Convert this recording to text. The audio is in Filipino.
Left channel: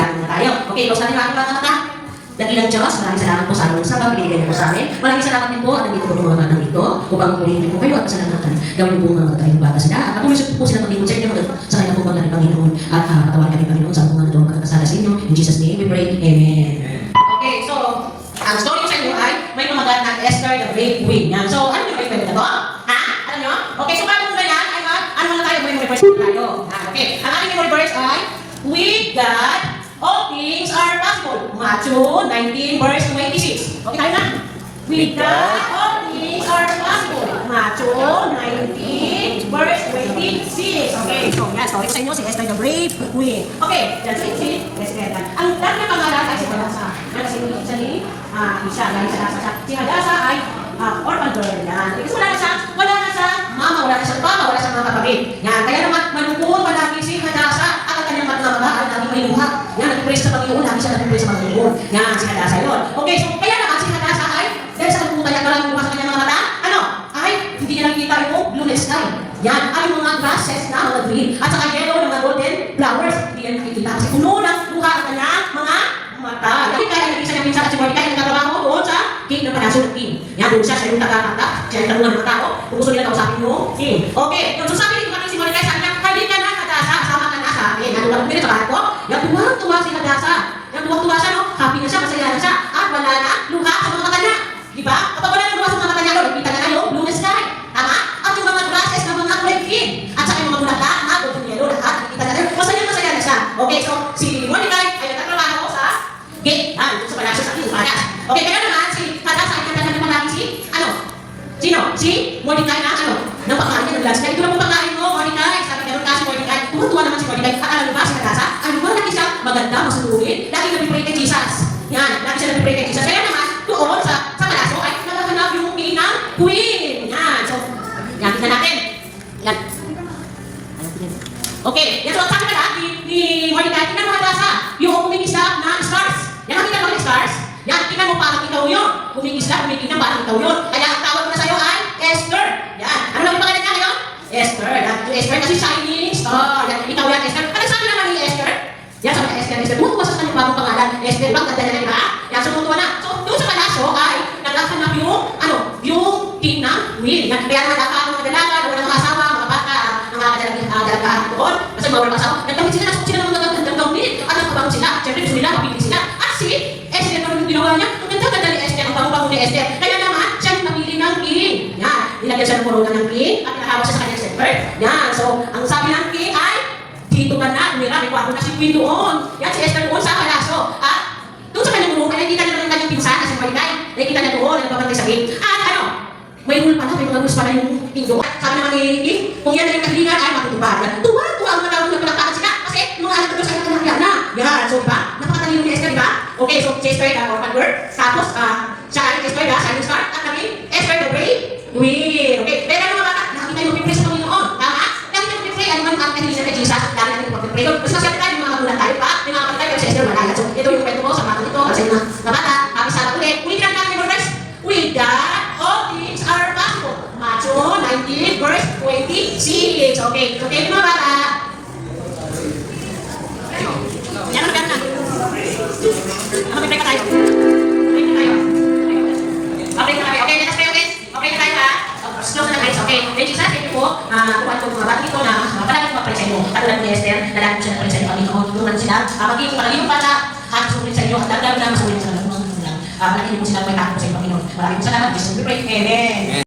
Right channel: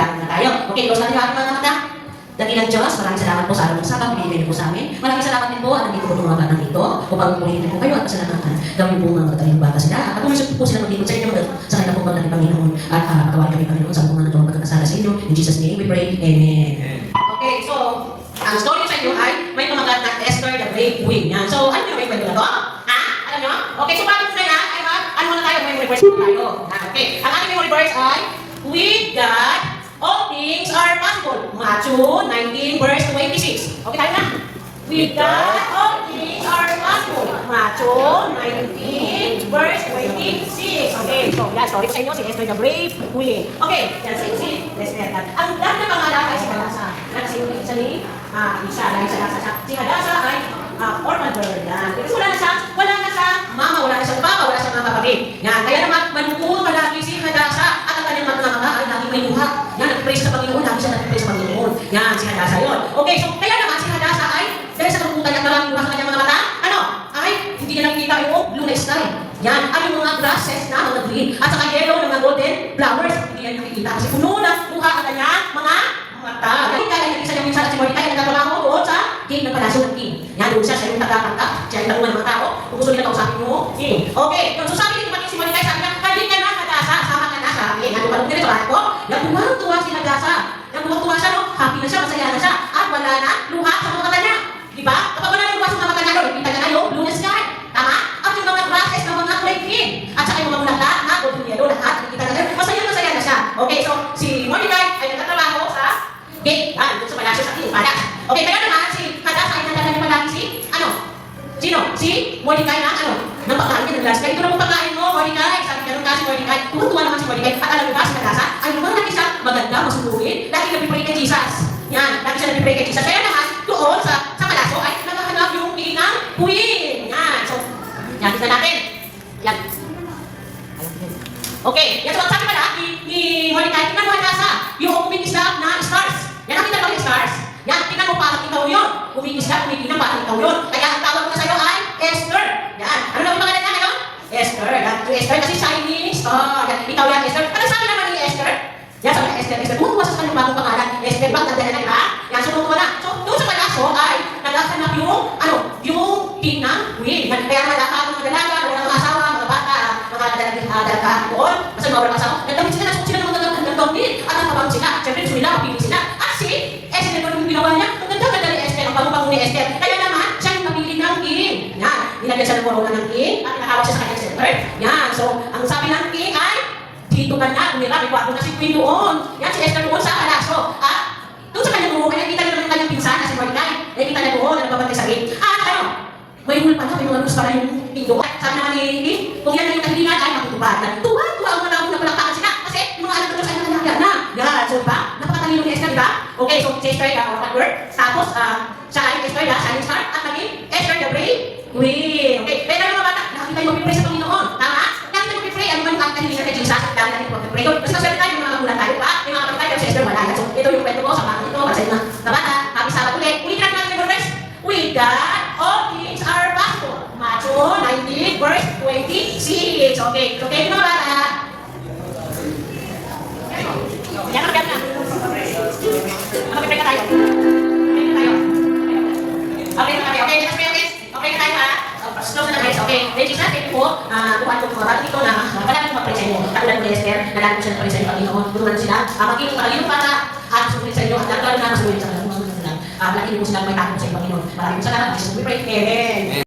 manalangin na tayo. Okay, close natin ang mga mata. Dakilang Diyos, maraming salamat po sa araw ng sabang binigyan niyo po sa amin. Maraming salamat din po at nandito po yung mga batang ito upang purihin po kayo at pasalamatan. Gawin po mga mataling bata sila at patuloy po sila mag-ingon sa inyo sa kanila po mga Panginoon at patawarin kami Panginoon sa mga nagawang pagkakasala sa inyo. In Jesus' name we pray. Amen. Okay, so ang story sa inyo ay may pamagat na Esther the Great Queen. Yan. So ano yung kwento na to? Ha? Alam nyo? Okay, so paano muna yan? Ay, ano muna tayo? Memory verse tayo. Okay, ang ating memory verse ay with God all things are possible. Matthew 19 verse 26. Okay tayo na? With God, all things are possible. Matthew 19 verse 26. Okay, so yan, story sa inyo, si Esther the Great Queen. Okay, yan si Esther. Ang dami na pangalan ay si Hadasa. Kasi isa dahil si Hadasa ay orphan girl yan. Kasi wala na siya mama, wala na siya papa, wala siya mga kapatid. Yan, kaya naman manukul palagi si Hadasa at ang kanyang mga ay laging may luha. Yan, nag-praise sa Panginoon, lagi siya nag-praise sa Panginoon. Yan, si Hadasa yun. Okay, so kaya naman si Hadasa ay, dahil sa kung kanya maraming luha sa kanyang mga mata, ay, hindi niya nakikita yung blue sky. Yan, ay yung mga grasses na mga green, at saka yellow na mga golden flowers, hindi niya nakikita. Kasi puno ng luha ang kanyang mga mata. Dahil kaya nag-isa niya minsan at si Mordecai ang nagkatrabaho doon sa gate ng palasyo ng king. Yan, doon siya yung taga-kanta, siya yung tanungan ng mga tao, kung gusto nila kausapin mo, king. Okay, so sabi ni si Mordecai, sabi niya, halika na Hadasa, sama ka na sa akin. Yan, walang pinito sa bahat ko. Yan, tuwa si Hadasa. Yan, tuwa siya, no? Happy na siya, masaya na siya, at wala na luha sa mga mata niya. Di ba? Kapag wala na luha sa mga mata niya, nakikita niya na yung blue sky. Tama? At yung mga grasses na mga kulay green, at saka yung mga bulaklak na golden yellow, lahat nakikita na siya. Masaya na siya. Okay, so si Mordecai ay nagtatrabaho sa gate. Yan, sa palasyo sa king palas. Okay, kaya naman si Hadasa ay nagdala na palagi si, sino? Si Mordecai na, ng pagkain niya ng lunch. Kaya ito na po pagkain mo, Mordecai. Sabi ganun kasi Mordecai. Tuwa naman si Mordecai. At alam mo ba si Hadasa? Ay, lumang lagi siya maganda, masunurin. Lagi nag-pray kay Jesus. Yan, lagi siya nag-pray kay Jesus. Kaya naman, doon sa palasyo ay nakahanap yung king ng queen. Yan, so, yan, tingnan natin. Yan. Okay, yan so, sabi pala ni Mordecai, tingnan mo Hadasa, yung umigisap na stars. Yan, nakita mo yung stars? Yan, tingnan mo parang ikaw yun. Umigisap, umigisap parang ikaw yun. Kaya ang tawag ko na sa'yo ay Esther. Yan, ano na yung pangalan niya ngayon? Esther. Yan, Esther kasi shining star. Yan, ikaw yan Esther. Ano sabi naman ni Esther? Yan, sabi niya Esther. Tumutuwa sa kanyang bagong pangalan. Esther, bakit dadala na, di ba? Yan, tumutuwa na. So, doon sa palasyo ay nagkakanap yung king ng queen. Yan, kaya nagkakaroon ng mga dalaga, mga asawa, mga bata, mga dalaga doon. Kasi mga walang asawa. Nagkawin sila, nasuot sila ng mga gandang gawin at nagkabangon sila. Siyempre, gusto nila, mapili sila. At si Esther, ano yung ginawa niya? Ang ganda-ganda ni Esther, ang bago-bago ni Esther. Kaya naman, siya yung napili ng king. Yan, nilagyan siya ng corona ng king at pinakawa siya sa kanyang center. Yan, so, ang sabi ng king ay, dito ka na, umira, may kwarto na si queen doon. Yan, si Esther doon sa palasyo. At doon sa kanyang room, nakikita niya ng kanyang pinsan na si Mordecai. Nakikita niya doon, na nagbabantay sa gate. At may rule pala, may mga rules pala yung king doon. Sabi naman ni king, kung yan na yung kahilingan, ay matutupad. Tuwa-tuwa ang mga na palaktaan sila. Kasi yung mga anak doon sa kanyang anak na. Yan, so diba? Napakatalino ni Esther, diba? Okay, so si Esther, orphan girl. Tapos, siya ay Esther, shining star. At naging Esther the Great Queen. Okay, pero ano mga bata, nakikita yung mag-pray sa Panginoon. Tama? Nakikita yung mag-pray. Ano man yung kahilingan kay Jesus? Ang dami natin mag-pray. Kasi kasi tayo, yung mga magulang tayo pa. May mga kapatid tayo, si Esther wala. So, ito yung kwento ko sa mga dito. Para sa inyo na bata. Happy Sabbath ulit. Ulitin natin natin yung verse. With God, all things are possible. Matthew 19 verse 26. Okay, so tayo mga bata. Yan ang ganda. Mag-pray ka tayo. Pray ka tayo. Okay na tayo. Okay, let us pray, okay? Okay na tayo ha? Close na guys. Okay. Thank you, thank you po. Tuwan ko mga bata dito na palagi mag-pray sa inyo. Katulad ni Esther, na lagi siya na-pray sa inyo. Panginoon, tulungan sila. Magiging palagi yung bata at sumunod sa inyo. At lalo na masunin sa mga magulang. Palagi mo sila may takot sa inyo, Panginoon. Maraming salamat. Jesus, we pray. Amen.